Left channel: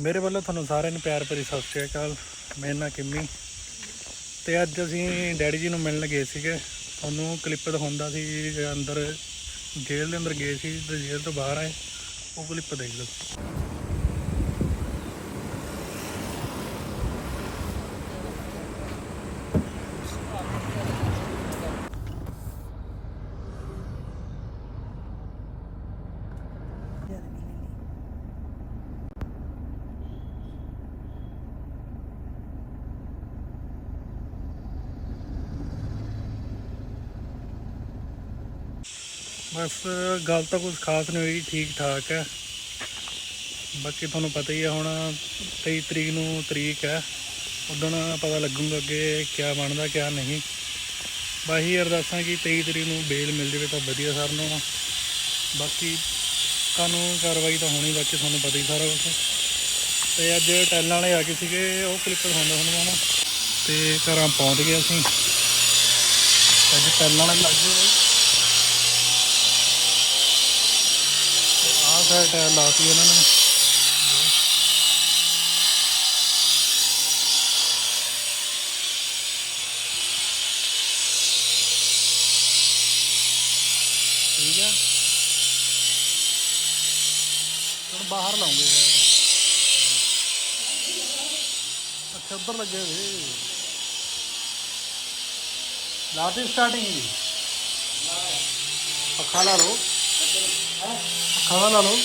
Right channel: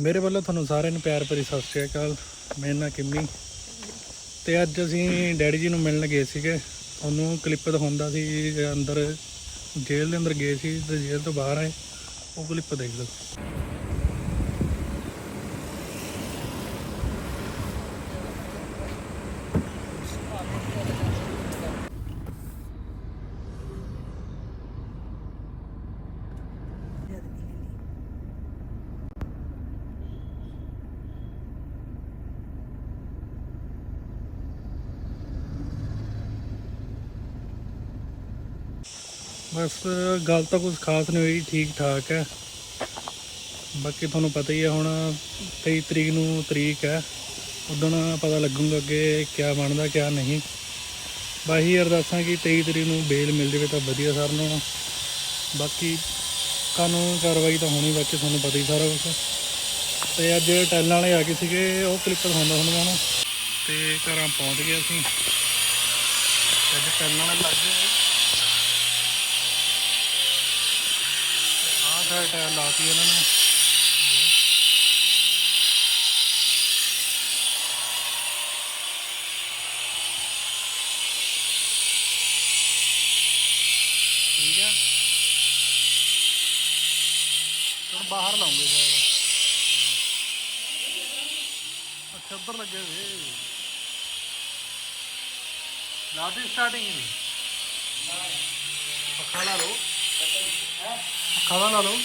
ਮੇਰੇ ਵੱਲੋਂ ਤੁਹਾਨੂੰ ਸਾਰਿਆਂ ਨੂੰ ਪਿਆਰ ਭਰੀ ਸਤਿ ਸ਼੍ਰੀ ਅਕਾਲ। ਮੇਰੇ ਨਾਲ ਕਿੰਮੀ। ਤੇ ਅੱਜ ਅਸੀਂ ਡੈਡੀ ਜੀ ਨੂੰ ਮਿਲਣ ਗਏ ਸੀਗੇ। ਉਹਨੂੰ ਕਲਿੱਪ ਦਿਖਾਉਂਦਾ ਸੀ ਅੰਦਰ ਜੇਲ੍ਹ ਦੇ ਅੰਦਰ ਗਏ ਸੀ ਤੇ ਜੇਲ੍ਹ ਤੋਂ ਬਾਹਰ ਆਏ। ਉਹ ਕਲਿੱਪ ਦੇਖ ਲਓ। ਬਸ, ਗੱਲ ਤਾਂ ਕੁਝ ਖਾਸ ਨਹੀਂ ਹੋਈ, ਠੀਕ ਠਾਕ ਹੈ। ਬਾਕੀ ਤੁਹਾਨੂੰ ਪਤਾ ਹੀ ਹੈ, ਹੁਣ 23 ਤਰੀਕ ਨੂੰ ਤਰੀਕ ਹੈ। ਉਦੋਂ ਪਤਾ ਲੱਗੂਗਾ ਅੱਗੇ ਕਿਆ ਬਣਦਾ, ਕਿਆ ਨਹੀਂ। ਬਾਹੀ ਅਰਦਾਸਾਂ ਕਿ 23 ਤਰੀਕ ਨੂੰ ਬੇਲ ਮਿਲ ਜਾਵੇ ਤਾਂ ਵਧੀਆ ਸਰ ਨੂੰ। ਬਾਕੀ ਕਾਨੂੰਨ ਕਾਰਵਾਈ ਤਾਂ ਹੋਣੀ, ਬਾਕੀ ਤੁਹਾਨੂੰ ਪਤਾ ਹੀ ਸਾਰਾ ਕੁਝ ਤੇ ਅੱਜ ਟੈਲਾਂ ਵਾਲੇ ਆ ਗਏ ਸੀਗੇ, ਉਹ ਕਲਿੱਪ ਹੁੰਦਾ ਤੁਹਾਨੂੰ ਮੈਂ ਹੁਣ। ਤੇ ਘਰਾਂ ਪਹੁੰਚ ਗਏ ਅਸੀਂ। ਅੱਜ ਟੈਲਾਂ ਵਾਲੇ ਲੱਗ ਗਏ। ਬਈ ਆਹ ਸਾਈਡ ਟਾਇਰ ਲਾਤੀ ਇਹਨਾਂ ਨੇ। ਠੀਕ ਆ। ਹੁਣ ਬਾਹਰ ਲਾਉਂਗੇ ਸ਼ਾਇਦ। ਅੱਛਾ, ਉੱਧਰ ਲੱਗੇ ਵੇ ਲਾਤੀ ਸਟਾਰਟਿੰਗ ਦੀ ਪੱਖਾ ਲਾ ਲਓ। ਪੱਖਾ ਖਾਣਾ ਲਾ ਲਓ।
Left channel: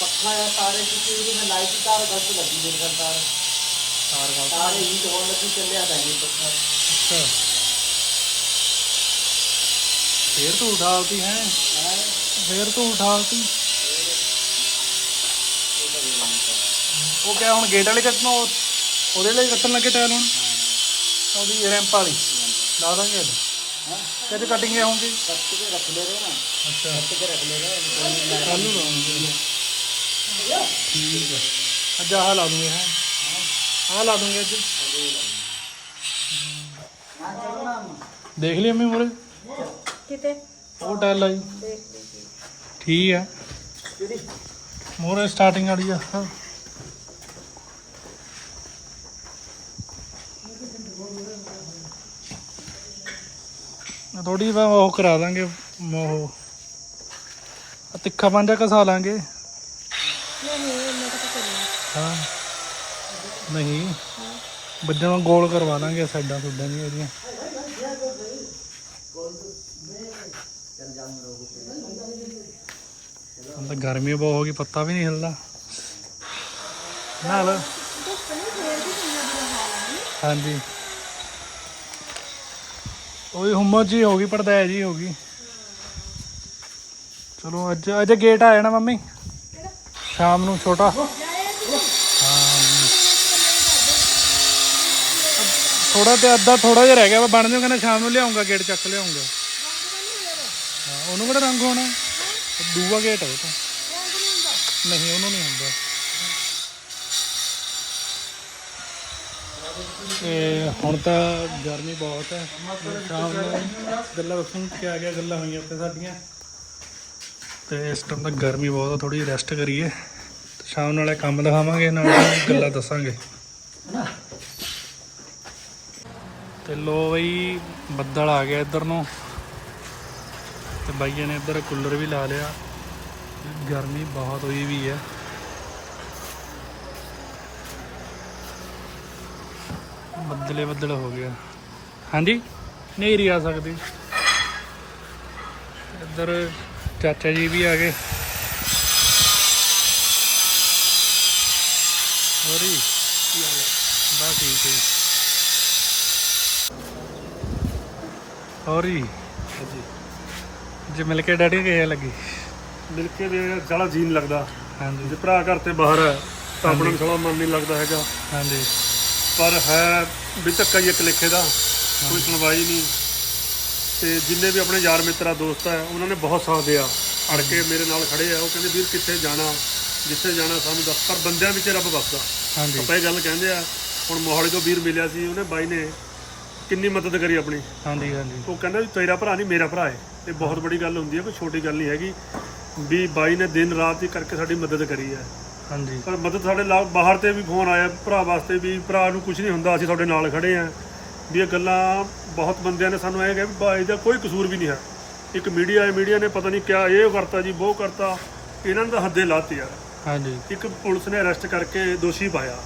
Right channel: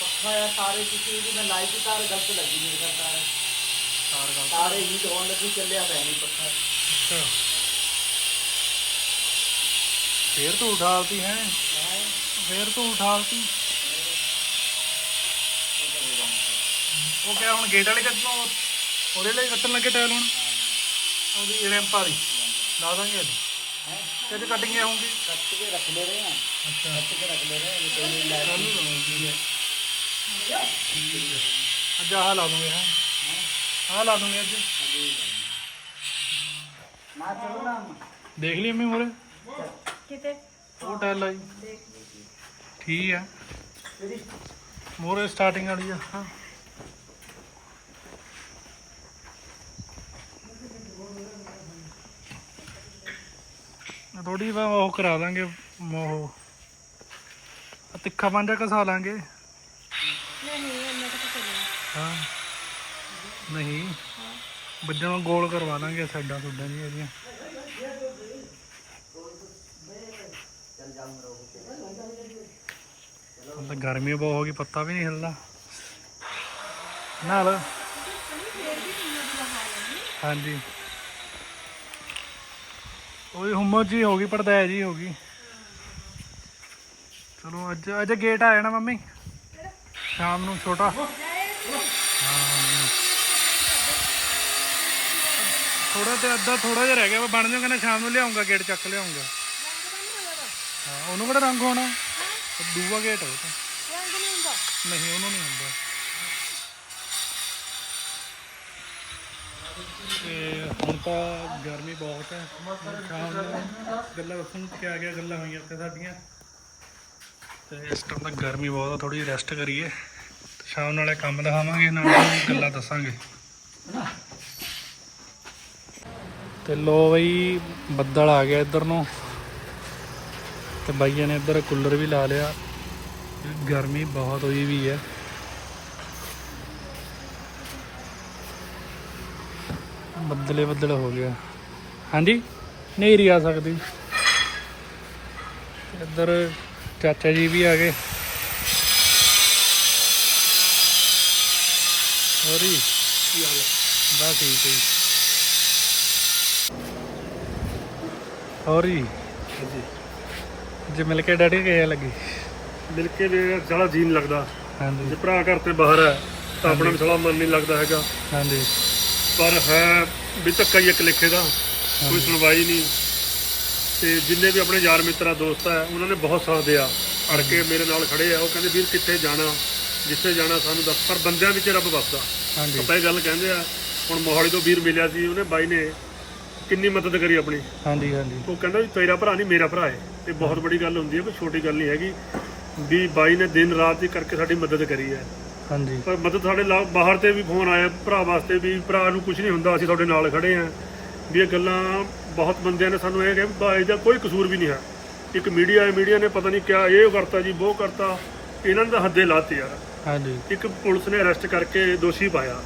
ਪੱਖਾ ਸਾਰੇ ਕਿਸੇ ਉਹਦੀ ਮੈਂ ਲਾਈਟ ਦੀ ਤਾਰ ਗਲਤ ਲੱਗੀ ਮੇਰੇ ਕੋਲ ਤਾਰ। ਤਾਰ ਗੱਲ ਤਾਰ ਹੀ ਜੋਨ ਲੱਗੀ ਚੱਲਿਆ ਤਾਂ ਨਹੀਂ ਪੱਖਾ। ਅੱਛਾ। ਫੇਰ ਤੂੰ ਉਠਾਲਤੀ ਹੈ। ਮੈਂ ਫੇਰ ਤੂੰ ਉਠਾਲਤੀ ਉਹ ਕਿਆ ਹੁਣ ਗੇਟ ਵਾਲੇ ਕੱਟਣਾ ਉਹਦੇ ਲਈ ਕੱਟਣ ਲੱਗੇ ਟਾਇਲ ਹੁਣ? ਉਹਦੀ ਰੈਂਪ ਵਾਲੀ। ਲਾ ਦਾਂਗੇ ਇਹਨੂੰ। कैसे कटिंग होंगी रख ले रहे हैं अच्छा रख ले रहे हैं ठीक है अच्छा हाँ ला दूँगे हाँ हाँ ला दूँगे अच्छे देख लिया मैं मोरे वो टाइल लाई ठीक है मोरे स्टार्टिंग वाली है हाँ ਥੋੜੀ ਵਾ ਉਹ ਕਰਾ ਦਾਂਗੇ ਉਹ ਤਿੱਖਾ ਪੰਜਾ ਕਸਾ ਲਾਂਗੇ। ਹਾਂ। ਨਹੀਂ। ਬੱਜਣਾ ਗੋਲ ਕਰਵਾ ਲਾਂਗੇ ਸਾਈਡਾਂ ਸੁੱਡਾਂ ਨਹੀਂ ਇਹਦੀਆਂ। ਤਾਂ ਗਰਮੀ ਬਹੁਤ ਹੋ ਗਈ, ਪੱਤਾ ਵੀ ਨਹੀਂ ਹਿਲਦਾ। ਨਾਲ। ਹਾਂਜੀ। ਉਹੀ ਹੁਮਸ ਜੀ ਹੋ ਗਈ ਪੜਦਾ ਜੀ ਹੋ ਗਈ। ਚਲੋ, ਅੱਜ ਅੱਜ ਗੇਟ ਆ ਜਾਣਾ ਮੰਮੀ। ਸ਼ਾਮ ਨੂੰ ਛੋਟਾ। ਥੋੜਾ ਤੇ ਅੱਧਾ ਥੋੜਾ ਜਿਹਾ ਰਹਿ ਗਿਆ ਬਣ ਜਾਊ, ਕਹਿੰਦਾ ਸ਼ਾਮ ਨੂੰ ਲਿਆਉਂਗਾ ਗੇਟ ਚੱਕ ਲਿਆਉਂਗਾ। ਹਾਂ, ਉਹਨੂੰ ਕਿਹੜਾ ਰੰਗ ਹੋਣਾ? ਦੂਆ ਗੇਟ ਹੈ ਉਹ ਤਾਂ। ਨਹੀਂ, ਉਹਨੂੰ ਨਹੀਂ ਹੁੰਦਾ ਤੇ ਹੁਣ ਤਾਂ ਗਰਮੀ ਬਹੁਤ ਹੈ। ਸ਼ਾਮ ਨੂੰ ਗੱਲਾਂ ਦੱਸਣ ਕਿ ਆ ਗਿਆ ਗੱਲਾਂ ਹੋਈਆਂ ਉੱਥੇ ਸਾਡੀਆਂ। ਤੇ ਇਸ ਟਾਈਮ ਤਾਂ ਗਰਮੀ ਬਹੁਤ ਆ ਥੋੜੀ ਰੈਸਟ ਕਰੀਏ। ਤੇ ਸ਼ਾਮ ਨਾਲੇ ਕੰਮ ਦਿਖਾਵਾਂਗੇ, ਨਾਲੇ ਗੱਲਾਂ ਦੱਸਾਂਗੇ। ਤੇ ਲੋ ਬਈ, ਬੱਦਲ ਆ ਗਿਆ ਇੱਧਰ ਨੂੰ। ਤੇ ਬਾਈਆਂ ਨੇ ਇੱਧਰ ਕੂਲਰ ਵੀ ਲਾ ਲਿਆ। ਗਰਮੀ ਬਹੁਤ ਹੋਈ ਵੀ ਹੈ। ਬੱਦਲੇ ਬੱਦਲ ਹੋ ਗਿਆ ਹਾਂਜੀ? ਨੇਰੀ ਆ ਸਕਦੀ। ਇੱਧਰ ਚਾਚਾ ਜੀ ਵੀ ਆ ਗਏ। ਹੋਰੀ ਬਸ ਠੀਕ ਹੈ ਜੀ। ਹੋਰੀ ਜੇ? ਮਿਲ ਕੇ ਡੈਡੀ ਕਿਹੇ ਲੱਗੀ? ਮਿਲ ਕੇ ਵੀ ਸਾਲਾ ਜੀਨ ਲੱਗਦਾ। ਹਾਂਜੀ। ਜੇ ਭਰਾ ਘਰ ਤੇ ਬਾਹਰ ਹੈ ਤਾਂ ਆਪਣਾ ਵੀ ਸਾਲਾ ਮਨ ਨਹੀਂ ਲੱਗਦਾ ਹੈਗਾ। ਹਾਂਜੀ। ਪਰ ਹੈ ਵੀ ਧੱਕਾ ਹੀ ਇੱਕ ਲਿਖੇ ਦਾ ਕੋਈ ਸੁਣਵਾਈ ਨਹੀਂ। ਤੇ ਜਿੰਨੇ ਵੀ ਆਪਣੇ ਯਾਰ ਮਿੱਤਰਾ ਦੋਸਤ ਹੈ ਉਹਨਾਂ ਨੇ ਬਹੁਤ ਸਾਥ ਦਿਆ। ਅੜ ਕੇ ਮੇਰੇ ਨਾਲ ਖੜੇ ਆ ਉਹ ਕਹਿੰਦੇ ਵੀਰ ਕਿੱਥੇ ਜਾਣਾ? ਜਿੱਥੇ ਜਾਣਾ ਸਾਨੂੰ ਦੱਸ। ਪਰ ਬੰਦਿਆਂ ਵਿੱਚ ਰੱਬ ਵਸਦਾ। ਹਾਂਜੀ। ਆਪਾਂ ਇਹ ਗੱਲ ਕਹਿੰਦੇ ਆ ਹੁਣ ਮੋਹਾਲੀ ਤੋਂ ਵੀਰ ਮਿਲਿਆ ਸੀ ਉਹਨੇ ਬਾਈ ਨੇ ਕਿੰਨੀ ਮਦਦ ਕਰੀ ਆਪਣੀ। ਹਾਂਜੀ ਹਾਂਜੀ। ਉਹ ਕਹਿੰਦਾ ਵੀ ਤੇਰਾ ਭਰਾ ਨਹੀਂ ਮੇਰਾ ਭਰਾ ਹੈ। ਇਹ ਬਹੁਤ ਬੜੀ ਗੱਲ ਹੁੰਦੀ ਹੈ ਕੋਈ ਛੋਟੀ ਗੱਲ ਨਹੀਂ ਹੈਗੀ। ਵੀ ਬਾਈ ਨੇ ਦਿਨ ਰਾਤ ਹੀ ਕਰਕੇ ਸਾਡੀ ਮਦਦ ਕਰੀ ਹੈ। ਹਾਂਜੀ। ਪਰ ਮਦਦ ਸਾਡੇ ਨਾਲ ਬਾਹਰ ਤੇ ਵੀ ਫੋਨ ਆਇਆ ਭਰਾ ਵਾਸਤੇ ਵੀ ਭਰਾ ਨੂੰ ਕੁਝ ਨਹੀਂ ਹੁੰਦਾ ਅਸੀਂ ਤੁਹਾਡੇ ਨਾਲ ਖੜੇ ਆਂ ਵੀ ਇਹ ਗੱਲਾਂ ਬਹੁਤ ਬੰਦਿਆਂ ਨੇ ਸਾਨੂੰ ਇਹ ਕਿਹਾ ਵੀ ਬਾ ਇਹਦਾ ਕੋਈ ਕਸੂਰ ਵੀ ਨਹੀਂ ਹੈ। ਇੱਕ ਮੀਡੀਆ ਹੈ ਮੀਡੀਆ ਨੇ ਪਤਾ ਨਹੀਂ ਕਿਆ ਇਹ ਕਰਤਾ ਜੀ ਉਹ ਕਰਤਾ। ਇਹਨਾਂ ਤਾਂ ਹੱਦੇ ਲਾਤੇ ਯਾਰ ਹਾਂਜੀ। ਇੱਕ ਪੁਲਿਸ ਨੇ ਅਰੈਸਟ ਕਰਕੇ ਦੋਸ਼ੀ ਪਾਇਆ।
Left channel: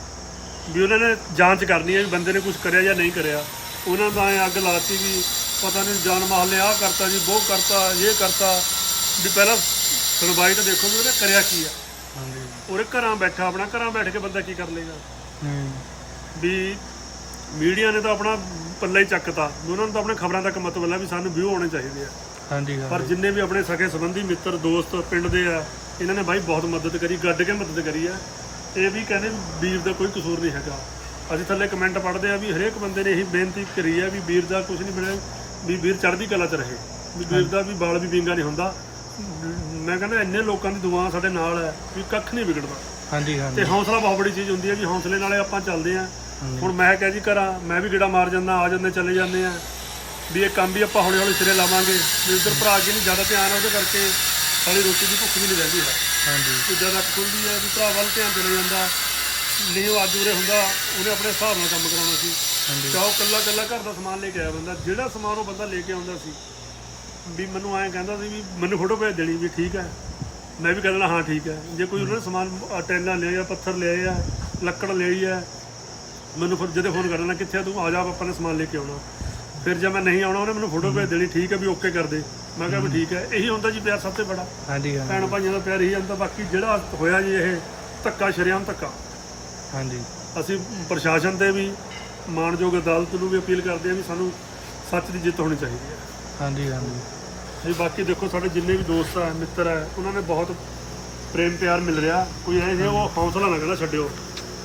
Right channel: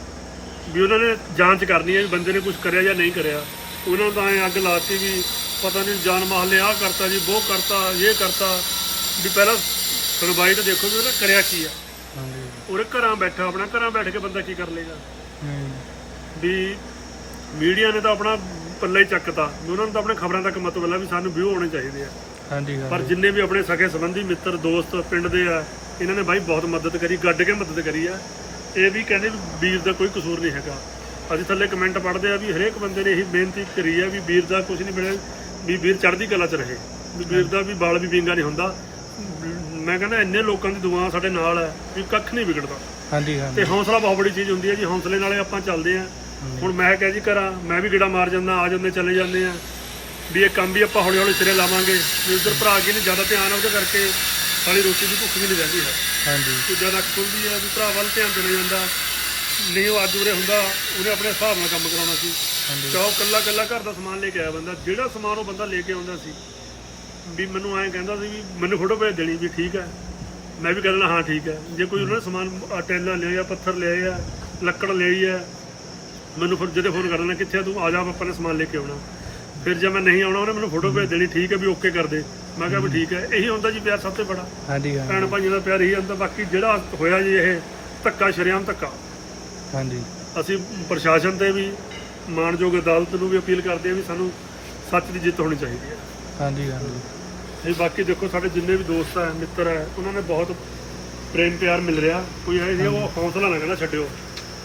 ਵੀ ਉਹਨਾਂ ਨੇ ਜਾਂਚ ਕਰਨੀ ਹੈ ਵੀ ਬੰਦੇ ਨੇ ਕੁਝ ਕਰਿਆ ਜਾਂ ਨਹੀਂ ਕਰਿਆ। ਉਹਨਾਂ ਦਾ ਐਂ ਅੱਗ ਲਾਤੀ ਵੀ ਪਤਾ ਨਹੀਂ ਜਾਨ ਨੇ ਆਹ ਕਰਤਾ ਜੀ ਉਹ ਕਰਤਾ ਇਹ ਕਰਤਾ। ਵੀ ਪਹਿਲਾਂ ਸੁਣਵਾਈ ਤਾਂ ਦੇਖੋ ਵੀ ਉਹਨੇ ਕਰਿਆ ਕੀ ਆ। ਹਾਂਜੀ। ਘਰਾਂ ਬੈਠਾ ਆਪਣਾ ਘਰਾਂ ਬੈਠ ਕੇ ਬੰਦਾ ਕੀ ਕਰ ਲੇਗਾ ਹੂੰ। ਵੀ ਮੀਡੀਆ ਨੇ ਤਾਂ ਆਪਣਾ ਪੱਲੇ ਹੀ ਚੱਕਤਾ ਵੀ ਉਹਨਾਂ ਨੂੰ ਤਾਂ ਆਪਣੇ ਖਬਰਾਂ ਤੱਕ ਮਤਲਬ ਹੈ ਵੀ ਸਾਨੂੰ ਵਿਊ ਹੋਣੇ ਚਾਹੀਦੇ ਆ। ਹਾਂਜੀ ਪਰ ਹਾਂਜੀ ਜਿੰਨੇ ਵੀ ਆਪਣੇ ਸਕੇ ਸੰਬੰਧੀ ਮਿੱਤਰ ਦੋਸਤ ਪਿੰਡ ਦੇ ਆ ਇਹਨਾਂ ਨੇ ਬਾਈ ਬਹੁਤ ਮਦਦ ਕਰੀ ਗੱਡ ਕੇ ਮਦਦ ਕਰੀ ਆ। ਇਹ ਵੀ ਕਹਿੰਦੇ ਵੀ ਵੀਰ ਦਾ ਕੋਈ ਕਸੂਰ ਨਹੀਂ ਹੈਗਾ। ਅਸੀਂ ਥੱਲੇ ਕਮੈਂਟ ਪੜ੍ਹਦੇ ਆ ਵੀ ਹਰੇਕ ਬੰਦੇ ਨੇ ਇਹੀ ਬੇਨਤੀ ਕਰੀ ਆ ਵੀ ਵੀਰ ਦਾ ਕੁਝ ਨਹੀਂ ਬਣਿਆ ਵੀ ਵੀਰ ਚੜ੍ਹਦੀ ਕਲਾ 'ਚ ਰਹੇ। ਵੀ ਵੀਰ ਦਾ ਵੀ ਬਾਲ ਵੀ ਵਿੰਗਾ ਨਹੀਂ ਹੁੰਦਾ। ਮੈਂ ਕਹਿੰਦਾ ਇੰਨੇ ਲੋਕਾਂ ਦੀ ਦੁਆ ਸਾਡੇ ਨਾਲ ਹੈ ਵੀ ਕੱਖ ਨਹੀਂ ਵਿਗੜਦਾ। ਹਾਂਜੀ ਹਾਂਜੀ। ਤੇ ਹੌਸਲਾ ਬਹੁਤ ਬੜੀ ਚੀਜ਼ ਹੁੰਦੀ ਹੈ ਜੀ ਹੌਸਲੇ ਨਾਲੇ ਆਪਾਂ ਚੱਲਦੇ ਆ ਹੁਣ ਮੈਂ ਕਿਹਾ ਜੀ ਘਰਾਂ ਮੈਂ ਵੀ ਗੇੜਾ ਮਾਰ ਜਾਂਦਾ ਆ ਜਾਂਦੇ ਚਲੇ ਜਾਂਦੇ ਆ ਵੀ ਇਹ ਕੰਮ ਵੀ ਆਪਾਂ ਹੌਲੀ ਹੌਲੀ ਸਿਰੇ ਲਾਵਾਂਗੇ। ਵੀ ਉਧਰ ਭਰਾ ਅੱਗੇ ਨਹੀਂ ਜ਼ਿਆਦਾ ਧਿਆਨ ਉਹਦੇ ਕਰਕੇ ਸਾਡੀ ਰੋਟੀ ਦੀ ਭੁੱਖ ਵੀ ਨਹੀਂ ਰਹਿੰਦੀ ਹੈ। ਹਾਂਜੀ। ਤੇ ਜਦ ਅੱਖ ਖੁੱਲਦੀ ਹੈ ਵੀ ਭਰਾ ਵੱਲ ਧਿਆਨ ਚਲੇ ਜਾਂਦਾ। ਨਹੀਂ ਉਹ ਅੱਜ ਉਰੇ ਹੁੰਦਾ ਉਹਨੇ ਆਪਣੇ ਹਿਸਾਬ ਨਾਲ ਕੰਮ ਕਰਾਉਣਾ ਸੀ। ਹਾਂਜੀ। ਚਾਹੋ ਕੱਲਾ ਕੱਲਾ ਘਰ ਦਾ ਸਮਾਨ ਲੈ ਕੇ ਆਇਆ ਬੰਦਾ ਜਿਹੜਾ ਸਮਾਨ ਉਹ ਬੰਦਾ ਲੈ ਕੇ ਆਉਂਦਾ ਸੀ। ਵੀ ਮੈਨੂੰ ਐਂ ਕਹਿੰਦਾ ਸੀ ਵੀ ਮੈਨੂੰ ਫੋਟੋ ਭੇਜ ਦੇਣੀ ਵੀ ਠੀਕ ਹੈ। ਮੈਂ ਵੀ ਕਹਿੰਦਾ ਹਾਂ ਠੀਕ ਹੈ। ਜੇ ਕੋਈ ਉਹਨਾਂ ਨੇ ਸਮਾਨ ਆਹ ਟੈਲਾਂ ਲਿਆ ਪੱਥਰ ਲਿਆਏ ਆ ਲੱਕੜ ਲਈ ਹੈ ਮੈਨੂੰ ਫਿਰ ਜਦੇ ਫੋਨ ਕਰਨਾ ਕਿੱਥੇ ਆ ਤੂੰ? ਆ ਜਾ ਆਪਾਂ ਨੇ ਸਮਾਨ ਲੈ ਕੇ ਆਉਣਾ। ਫਿਰ ਜੇ ਮੈਂ ਨਹੀਂ ਆਉਣਾ ਉਹਨੇ ਮੈਨੂੰ ਫੋਟੋ ਭੇਜ ਦੇਣੀ ਠੀਕ ਹੈ ਵੀ ਓਕੇ ਕਰ ਦੇ। ਮੈਂ ਕਿਹਾ ਵੀ ਠੀਕ ਹੈ। ਇਹੀ ਹੁੰਦਾ ਜੀ ਪਿਆਰ ਸਭ ਤੋਂ ਬੜਾ। ਹਾਂਜੀ ਹਾਂਜੀ। ਭੈਣ ਭਾਈਆਂ ਦਾ ਪਿਆਰ ਇਹੀ ਹੁੰਦਾ ਬਾਕੀ ਜਿਹੜਾ ਹੋਇਆ ਜੀ ਇਹ ਧੱਕਾ ਸ਼ਰੇਆਮ ਧੱਕਾ। ਹਾਂਜੀ। ਅਸੀਂ ਪ੍ਰਸ਼ਾਸਨ ਤੇ ਵੀ ਮਾਨਯੋਗ ਅਦਾਲਤ ਨੂੰ ਵੀ ਅਪੀਲ ਕਰਦੇ ਹਾਂ ਵੀ ਸਾਨੂੰ ਸੱਚ ਦੀ ਜਿੱਤ ਹੋਣੀ ਚਾਹੀਦੀ ਹੈ। ਹਾਂਜੀ ਹਾਂਜੀ। ਇਹ ਬਾਕੀ ਦੇਖੋ ਸਾਡੇ ਜਿੰਨੇ ਵੀ ਦੋਸਤ ਹੈ ਮਿੱਤਰ ਹੈ ਉਹਨਾਂ ਨੇ ਬਹੁਤ ਪ੍ਰੇਮ ਪਿਆਰ ਮਿਲ ਰਿਹਾ। ਕੋਈ ਐ ਉਹ ਹੌਸਲਾ ਨਾ ਕਹਿੰਦਾ ਛੱਡਿਓ।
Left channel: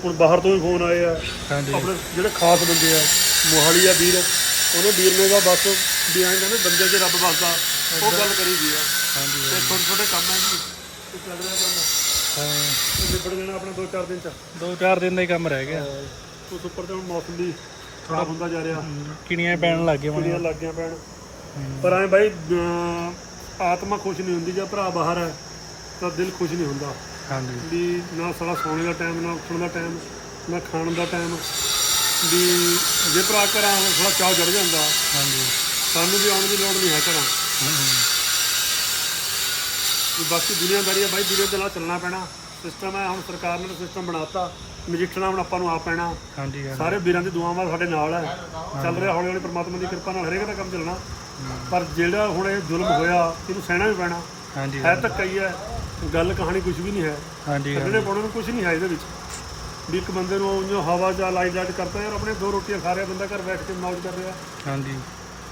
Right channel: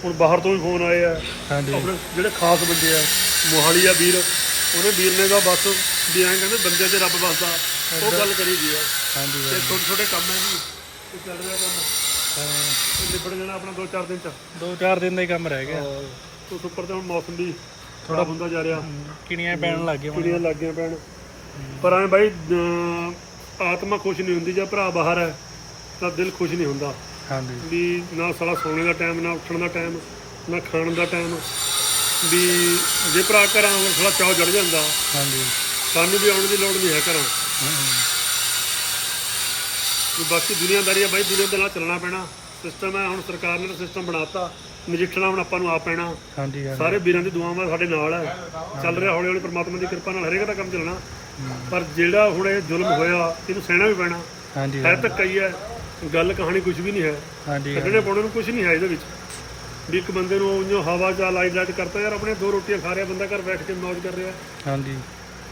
ਹੁਣ ਬਾਹਰ ਤੋਂ ਵੀ ਫੋਨ ਆਏ ਆ। ਹਾਂਜੀ। ਜਿਹੜੇ ਖਾਸ ਬੰਦੇ ਆ ਮੋਹਾਲੀ ਆ ਵੀਰ ਉਹਨੇ ਵੀਰ ਨੇ ਦਾ ਬਸ ਵੀ ਐਂ ਕਹਿੰਦੇ ਬੰਦੇ 'ਚ ਰੱਬ ਵਸਦਾ ਉਹ ਗੱਲ ਕਰੀ ਆ। ਹਾਂਜੀ ਤੇ ਛੋਟੇ ਛੋਟੇ ਕੰਮ ਹੈ ਜੀ। ਤੇ ਚੱਲ ਰਿਹਾ ਕੰਮ। ਹਾਂ। ਨਿਬੜ ਜਾਣਾ ਆਪਣਾ 2-4 ਦਿਨ ਚ। ਦੋ ਚਾਰ ਦਿਨ ਦਾ ਹੀ ਕੰਮ ਰਹਿ ਗਿਆ। ਉਸ ਉੱਪਰ ਤੇ ਹੁਣ ਮੌਸਮ ਵੀ ਥੋੜਾ ਹੁੰਦਾ ਜਾ ਰਿਹਾ। ਕਿਣੀਆਂ ਪੈਣ ਲੱਗ ਗਈਆਂ ਕਿਹੜੀਆਂ ਲੱਗ ਗਈਆਂ ਪੈਣ। ਪਰ ਐ ਬਾਈ ਆਤਮਾ ਖੁਸ਼ ਨਹੀਂ ਹੁੰਦੀ ਜੇ ਭਰਾ ਬਾਹਰ ਹੈ ਤਾਂ ਦਿਲ ਖੁਸ਼ ਨਹੀਂ ਹੁੰਦਾ। ਹਾਂਜੀ। ਵੀ ਨਾ ਸਾਲਾ ਸੌਣੇ ਦਾ ਟਾਈਮ ਨਾ ਉੱਠਣ ਦਾ ਟਾਈਮ ਨਾ ਖਾਣ ਦਾ ਟਾਈਮ ਵੀ ਜੇ ਭਰਾ ਘਰਾਂ ਹੁਣ ਥੋੜਾ ਚਾਹ ਜੜ ਜਾਂਦਾ ਹਾਂਜੀ। ਸਾਨੂੰ ਵੀ ਆਉਣ ਦੀ ਲੋੜ ਨਹੀਂ ਹੈ ਘਰਾਂ। ਵੀ ਬਾਕੀ ਦੁਨੀਆਦਾਰੀ ਹੈ ਬਾਈ ਦੁਨੀਆ ਦੇ ਨਾਲ ਚੱਲਣਾ ਪੈਣਾ। ਸਿਸਟਮ ਹੈ ਹੁਣ ਸਰਕਾਰ ਨੇ ਸਿਸਟਮ ਬਣਾਤਾ। ਨਜਿੱਠਣਾ ਹੁਣ ਆਪਾਂ ਨੂੰ ਆ ਪੈਣਾ। ਹਾਂਜੀ ਸਾਰੇ ਵੀਰਾਂ ਦੀ ਦੁਆਵਾਂ ਸਾਡੇ ਨਾਲ ਹੈ। ਚੱਲ ਰਿਹਾ ਹੌਲੀ ਹੌਲੀ ਪ੍ਰਮਾਤਮਾ ਦੀ ਕਿਰਪਾ ਨਾਲ ਹਰੇਕ ਦਾ ਕੰਮ ਚੱਲਣਾ। ਪਰ ਜਿਹੜਾ ਹੁਣ ਇਹ ਜ਼ੁਲਮ ਹੋਇਆ ਇਹਨੂੰ ਸਹਿਣਾ ਵੀ ਪੈਣਾ। ਹਾਂਜੀ ਹੈ ਧੱਕਾ ਹੀ ਹੈ ਗੱਲ ਕਹਾਣੀ ਕੁਝ ਵੀ ਨਹੀਂ ਹੈ। ਹਾਂਜੀ ਕੱਢਣੇ ਪਾਉਣੇ ਨੂੰ ਕੁਝ ਨਹੀਂ ਹੈ ਇਹਦੇ ਵਿੱਚ। ਵੀ ਇੱਕ ਬੰਦੇ ਨੂੰ ਉਹ ਹਵਾ ਚ ਲਾਈਟ ਲਾਈਟ ਕਰਤਾ ਯਾਰ ਆਪਣੇ ਦੋ ਰੋਟੀਆਂ ਖਾ ਰਿਹਾ ਬੰਦਾ ਘਰ ਬੈਠ ਕੇ ਮौज ਕਰ ਰਿਹਾ। ਹਾਂਜੀ।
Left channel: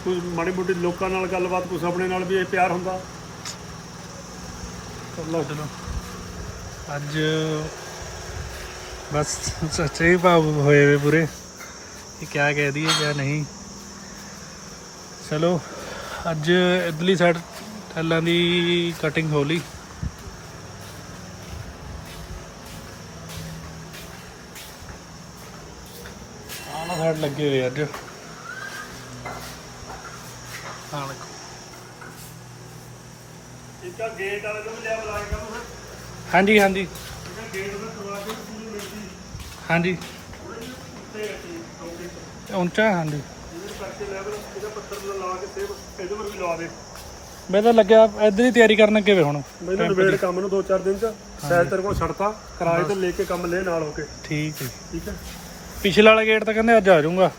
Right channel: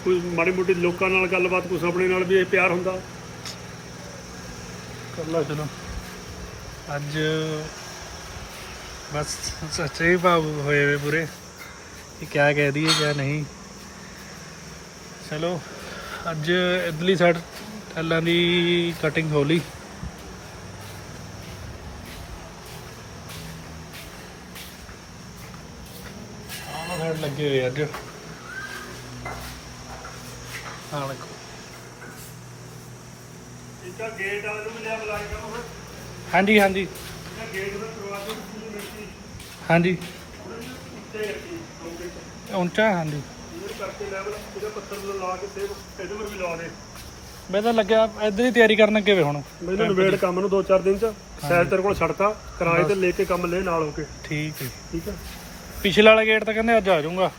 ਕੋਈ ਮਾੜੀ ਮੋਟੀ ਲੋਕਾਂ ਨਾਲ ਗੱਲਬਾਤ ਕੁਛ ਆਪਣੇ ਨਾਲ ਵੀ ਇਹ ਪਿਆਰ ਹੁੰਦਾ। ਚਲੋ ਅੱਜ ਬਸ ਸੱਚੇ ਭਾਵ ਹੋਏ ਪੂਰੇ। ਕਿ ਕਿਆ ਕਹਿ ਦਈਏ ਕਿਆ ਨਹੀਂ। ਚਲੋ ਅੱਜ ਇਡਲੀ ਸਾਈਡ ਟੈਲਾਂ ਦੀ ਕਟਿੰਗ ਹੋ ਲਈ। ਆਹ ਸਾਈਡ ਲੱਗੇ ਹੋਏ ਅੱਜ। ਆਹ ਦੇਖੋ। ਇੱਕ ਗੇਟ ਵਾਲੇ ਨੂੰ ਲਿਆ ਬੁਲਾਈ ਕਰੋ ਫਿਰ। ਹਾਂਜੀ ਹਾਂਜੀ। ਗੇਟ ਦਾ ਹਾਂਜੀ। ਉੱਤੇ ਉੱਚਾ ਹਾਂਜੀ। ਕਰਕੇ ਲੈਵਲ ਇਹਦਾ ਪੱਤਰ ਲਾ ਕੇ ਸੇਵ ਪੇਜਮਰ ਵੀ ਲਾ ਦੇ। ਮੈਂ ਤਾਂ ਲੱਗਿਆ ਇਧਰ ਹੀ ਤਿਆਰੀ ਕਰਨ ਅੱਗੇ ਵੇ ਹੁਣ? ਮੈਨੂੰ ਨਵੇੜ ਕੰਮ ਨੂੰ 2-4 ਦਿਨ ਚ ਸਾਇਦ ਤੇਰੇ ਕੋਲ ਛੱਡਤਾ ਕਿਰਾਏ ਤੇ ਲੈ ਕੇ ਕੰਮ ਲੈ ਨਾਲ ਹੋ ਕੇ। ਠੀਕ ਹੈ। ਠੀਕ ਹੈ? ਪਿਛਲੇ ਵਾਲਾ ਗੇਟ ਤਾਂ ਕਹਿੰਦੇ ਅੱਜ ਆ ਜਾਊਂਗਾ।